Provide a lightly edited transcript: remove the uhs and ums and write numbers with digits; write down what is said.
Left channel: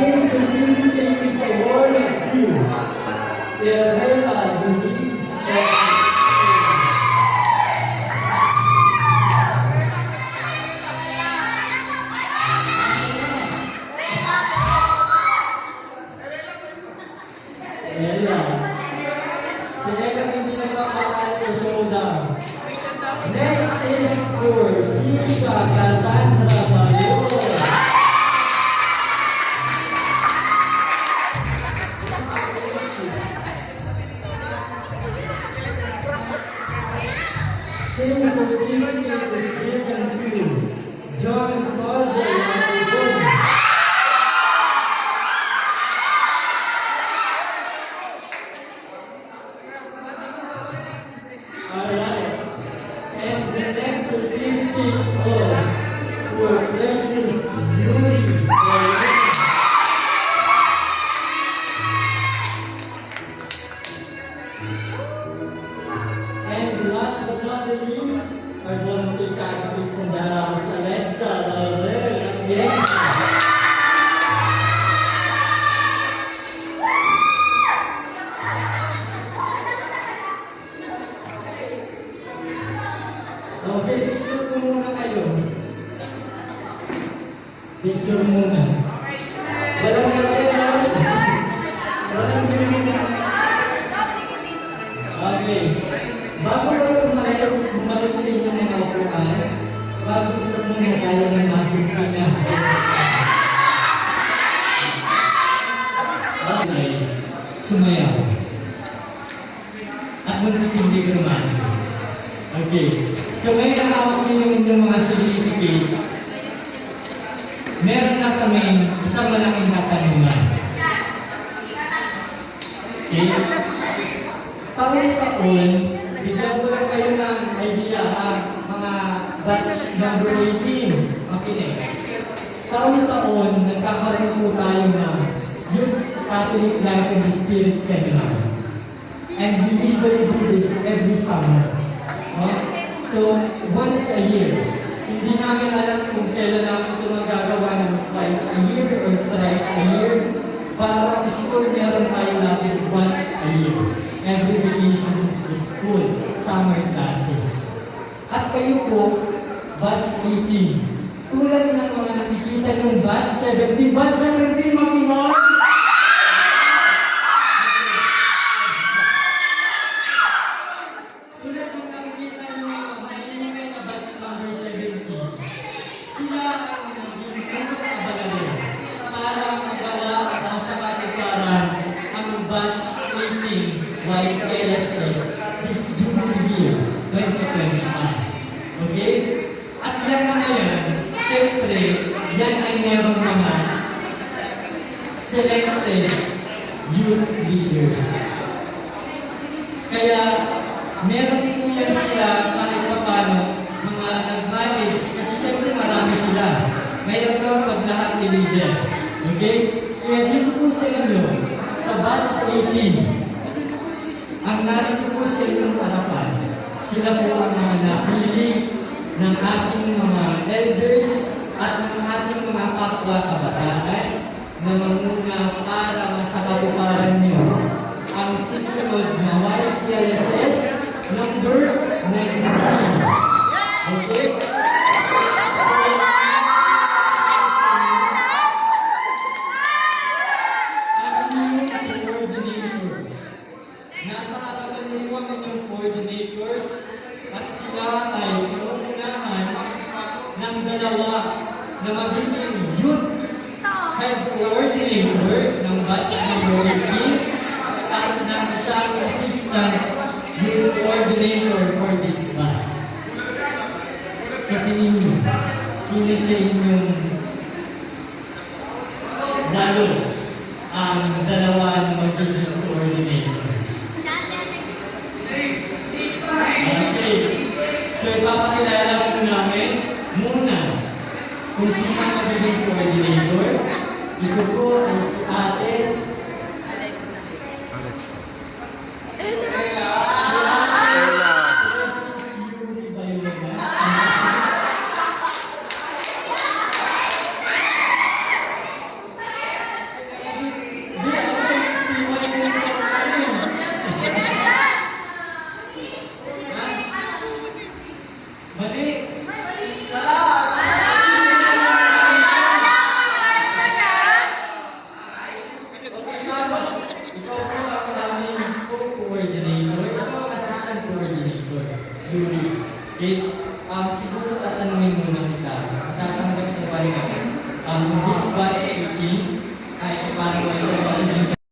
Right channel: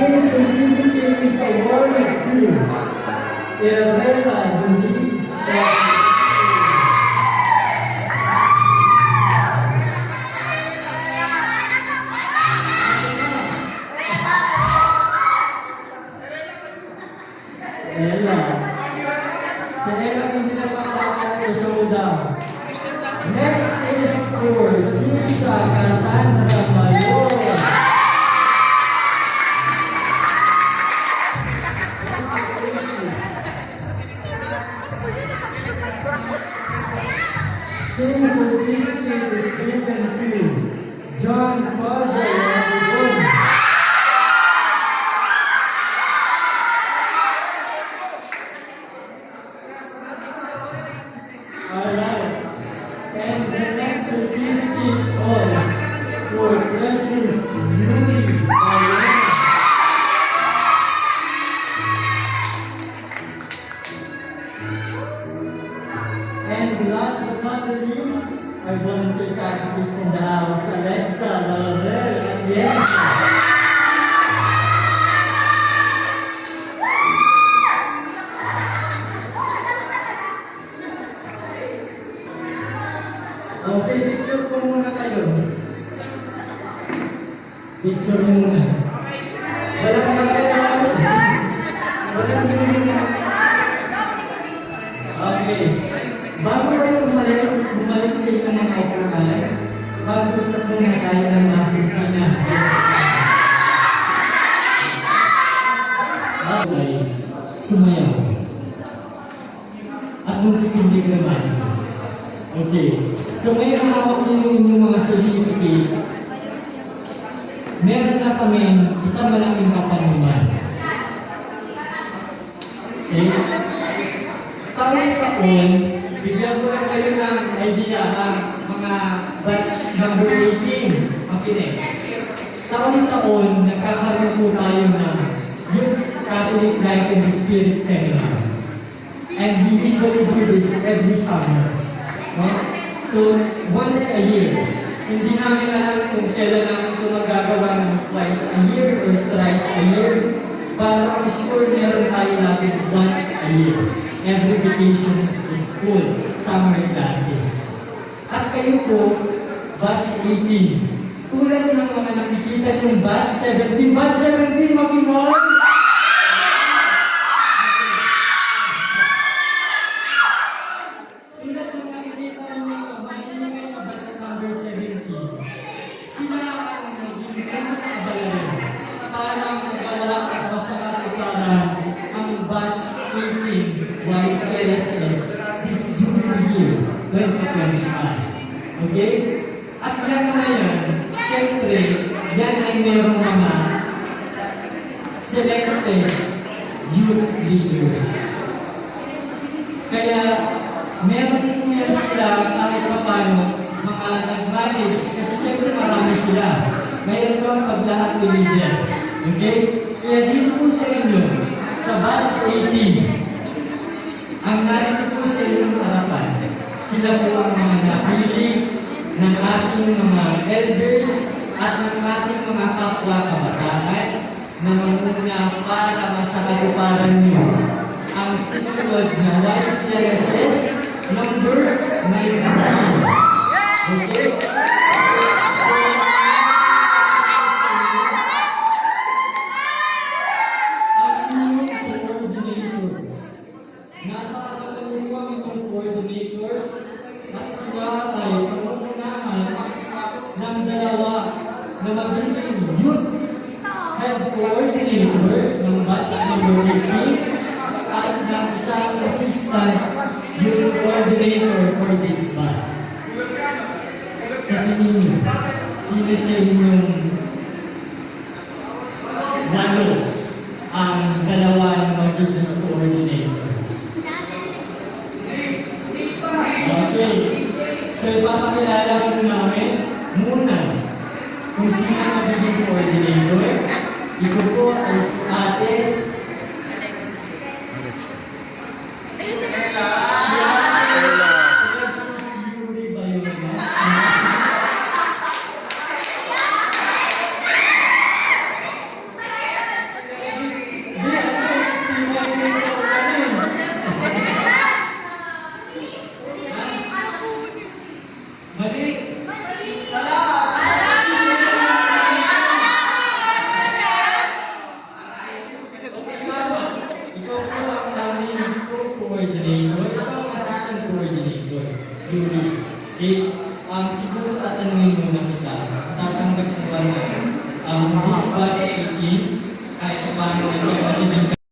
Since the meeting is awarded to Irena Luis. Sila hindi na makakaan sa showdown. Next is for Tisha Cassandra Mayor. Since the meeting is written to John Cozel Maribon. Alright. And the next certificate holds for Precious Louis. And last but not the least, our volunteer cactus from the house, Alexa Laurel and Yensa. Okay, picture ko muna kayo. Picture muna. Walang bibigyan. Okay. Bago kayo bumalik sa inyong mga upuan, bago sa muna tayo ng message na. Okay. Sumayaw. At hindi naman. Okay. So ngayon hawak niyo yung mga certificate. Meron na kami isang malaking katanungan. Okay? Taon-taon, bigyan ko lang kayo ng idea mga batch number 18. Makinig. Taon-taon, nagkakaroon po tayo ng Youth Catholic Life and Spirit Seminar. And we usually do this every summer. So, once a year, hindi namin alam kung kailan namin ito magagawa ng twice a year or thrice a year para sure meron tayo natin once a year. Every vacation to school, summer classes. At kayo po, batch 18. Tulad ng mga nakikita yung batch 17. Batch 17, makinon! YCLSS this Jubilee year 2025. Okay? At ilan na yan, siyempre, yan ay merong mga selected youth leaders. Kaya, meron po yan sila kahit pa paano mga nag-manage kasi siyempre marami sila. Mayroon kang paglahat ni leader. Okay? Kaya dito po sa inyo, sa batch 18, ang narito po sa inyong harapan, sila po ang mga napili ng ating mga elders at ng ating mga kapwa kabataan na manguna para masakatuparan niyo ang susunod na YCLSS number 93. Okay? Nasa kakataniwang inyong coordinators at sila ay pangungunahan ng dalawa na magiging youth head coordinator ng batch number 18 at ng isang assistant youth coordinator for this batch. Katingin niyo, sino sa inyong lalo ang dalawa na magiging coordinator? So, ipapakilala po namin muna kung sino ang magiging coordinator. Ito po ay si Ate Alexa. siguro tatanungin muna kita. Tatanggap ko ba na this batch 18 ay paano na